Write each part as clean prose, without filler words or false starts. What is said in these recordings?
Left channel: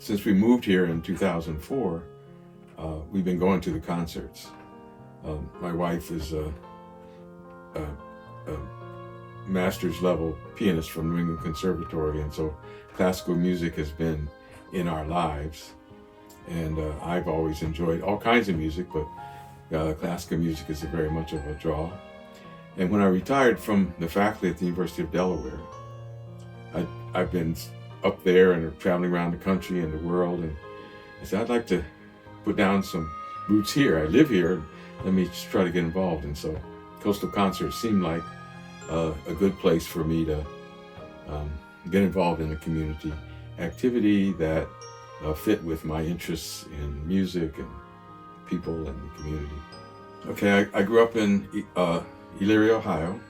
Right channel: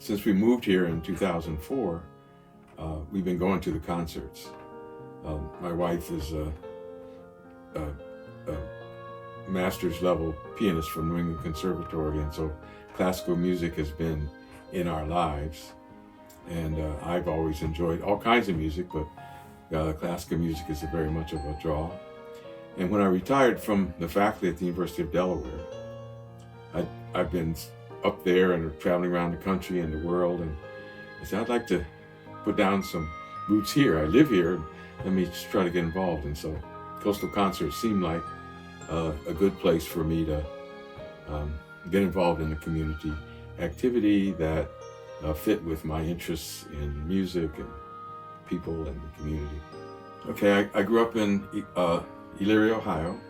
Since we moved here in 2004, we've been going to the concerts. My wife is a master's level pianist from New England Conservatory, and so classical music has been in our lives. And I've always enjoyed all kinds of music, but classical music is very much of a draw. And when I retired from the faculty at the University of Delaware, I've been up there and traveling around the country and the world, and I said, I'd like to put down some roots here. I live here, let me just try to get involved. And so Coastal Concerts seemed like a good place for me to get involved in a community activity that fit with my interests in music and people and the community. Okay, I grew up in Elyria, Ohio,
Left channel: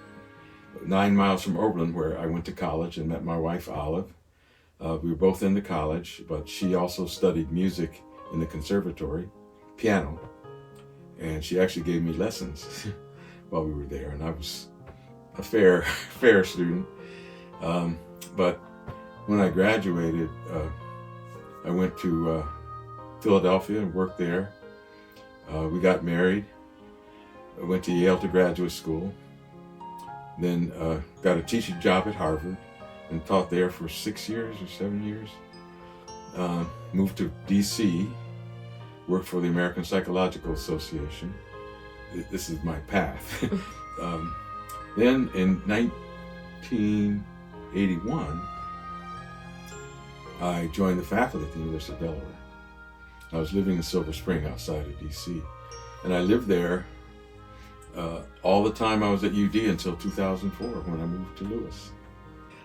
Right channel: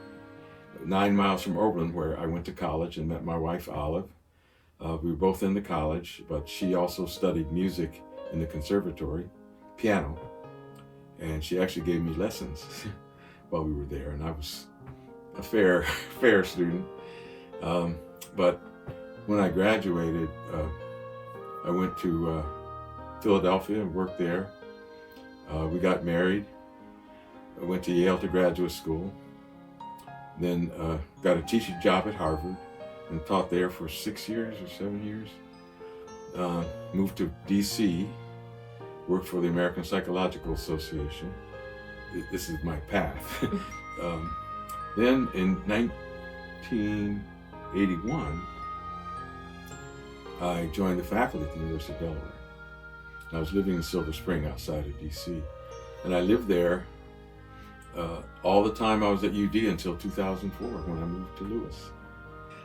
9 miles from Oberlin, where I went to college and met my wife, Olive. We were both into college, but she also studied music in the conservatory, piano, and she actually gave me lessons while we were there, and I was a fair student. But when I graduated, I went to Philadelphia and worked there. We got married. I went to Yale to graduate school, then got a teaching job at Harvard and taught there for 6 years or 7 years. Moved to DC, worked for the American Psychological Association. This is my path. Then in 1981, I joined the faculty at the University of Delaware. I was living in Silver Spring outside of DC, and I lived there all the time I was at UD until 2004 when I moved to Lewis.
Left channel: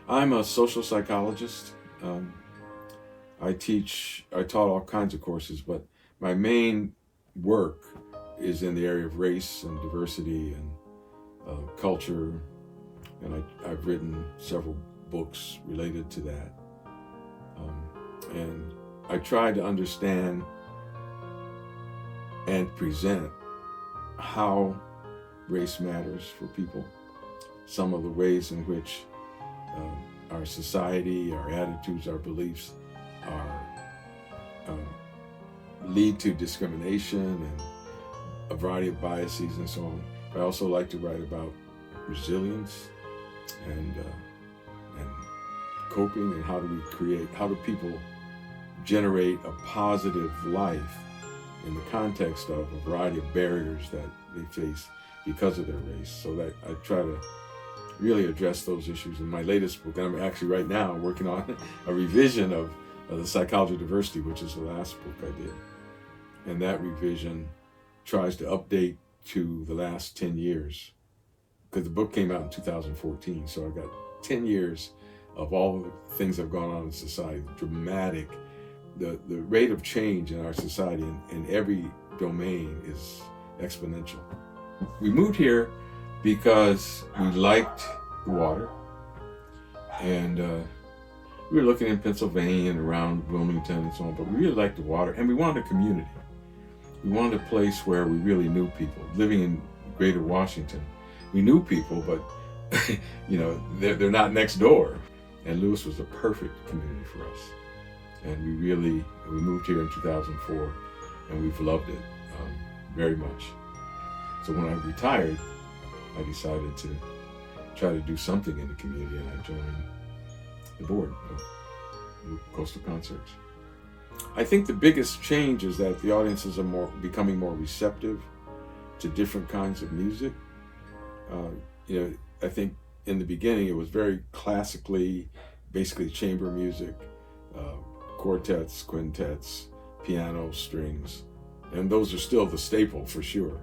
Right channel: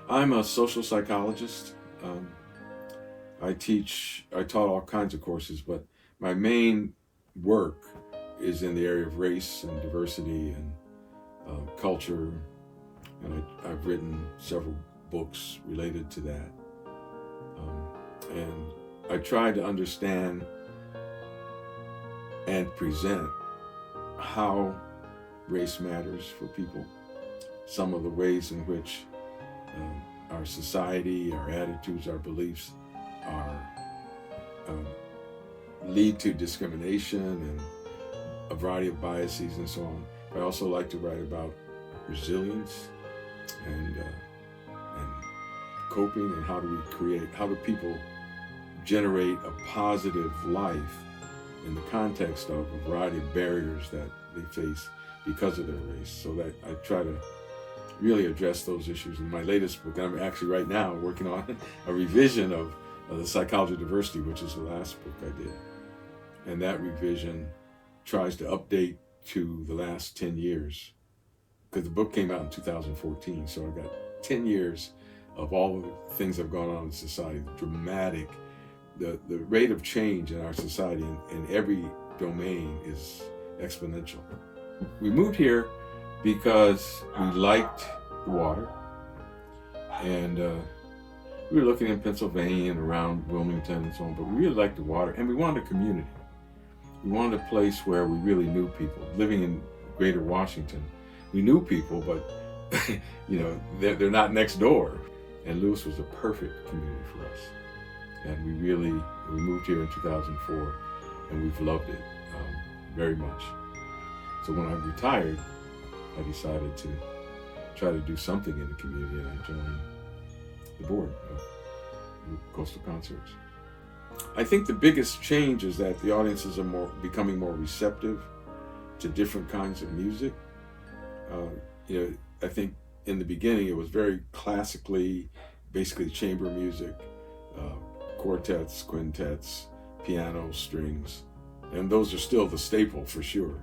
I'm a social psychologist. I taught all kinds of courses, but my main work is in the area of race and diversity and culture, and I've written several books related to that. And I try to understand and present how race matters for people, some of the ways in which our society, our attitudes, our beliefs lead to discrimination and a variety of biases and so on. I also like to write about resilience and coping, and how do people generate a positive life in the context of a variety of barriers that they face because of their race, so that I try to really address those issues. In my latest book, I'm actually right now working on a revision of The Psychology of Diversity, which is the last book I did. And that revision tries to update to the last 10 years, because the book came out in 2014, so I got 10 years of all the things that have gone on in society, dramatic. The rate of change in our society in every domain is exponential. We moved here because we liked the water, and we were looking in Pennsylvania and around Wilmington and so on, but we really liked the water, and we wanted a community. We wanted a place where we really knew people. Living in Greater Washington, we knew people, but they're not next door. And Lewis was a perfect community for us. And we moved here in 2004, and we've loved it very much. So when I retired, I decided to try to do something in the community, and I joined the board of Coastal Concerts. I think the biggest change is that the audiences are becoming more receptive to different kinds of music. I think in the beginning it was very classically, basically chamber music, quartets, quintets, piano, strings, and those are still the staple for sure.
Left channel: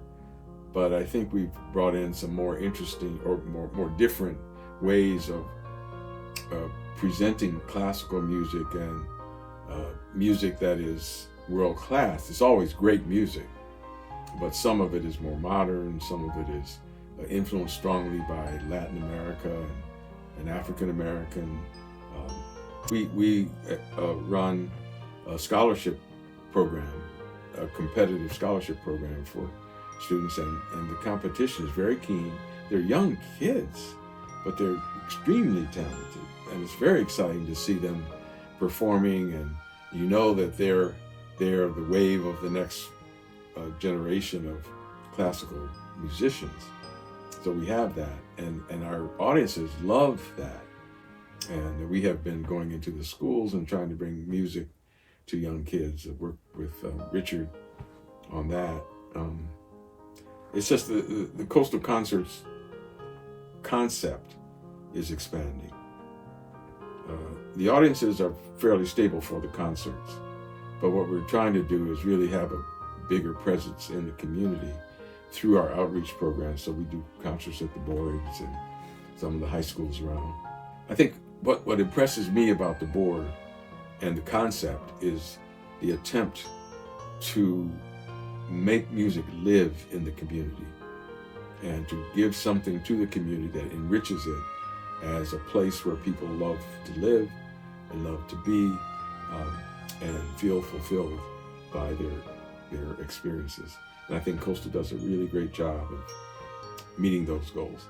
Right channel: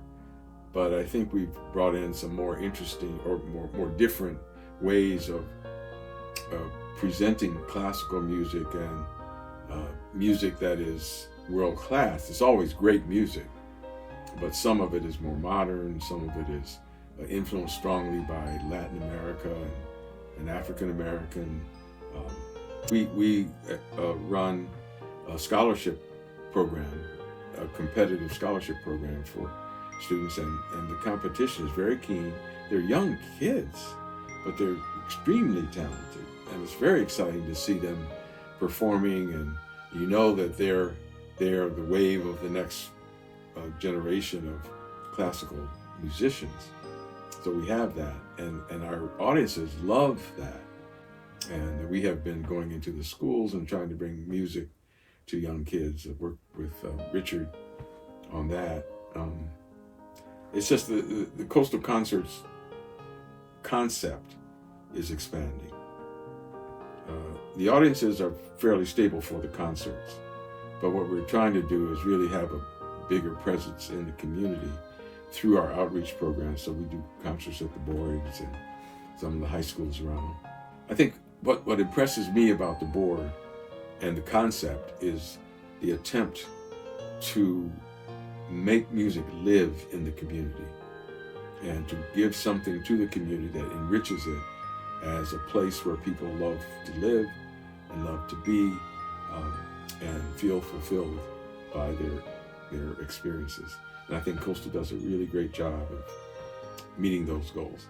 But I think we've brought in some more interesting or more different ways of presenting classical music and music that is world class. It's always great music, but some of it is more modern, some of it is influenced strongly by Latin America and African American. We run a scholarship program, a competitive scholarship program for students, and the competition is very keen. They're young kids, but they're extremely talented, and it's very exciting to see them performing and You know that they're the wave of the next generation of classical musicians. So we have that, and our audiences love that. And we have been going into the schools and trying to bring music to young kids. I worked with Richard on that. It's just the Coastal Concerts concept is expanding. The audiences are fairly stable for the concerts, but what we're trying to do is really have a bigger presence in the community through our outreach programs. So we do concerts at the boards and some of the high schools around. I think what impresses me about the board and the concept is the attempt to make music live in the community and to give something to the community that enriches it as a place where people love to live and love to be and feel fulfilled by their experiences. And I think Coastal does a really great job of meeting those goals.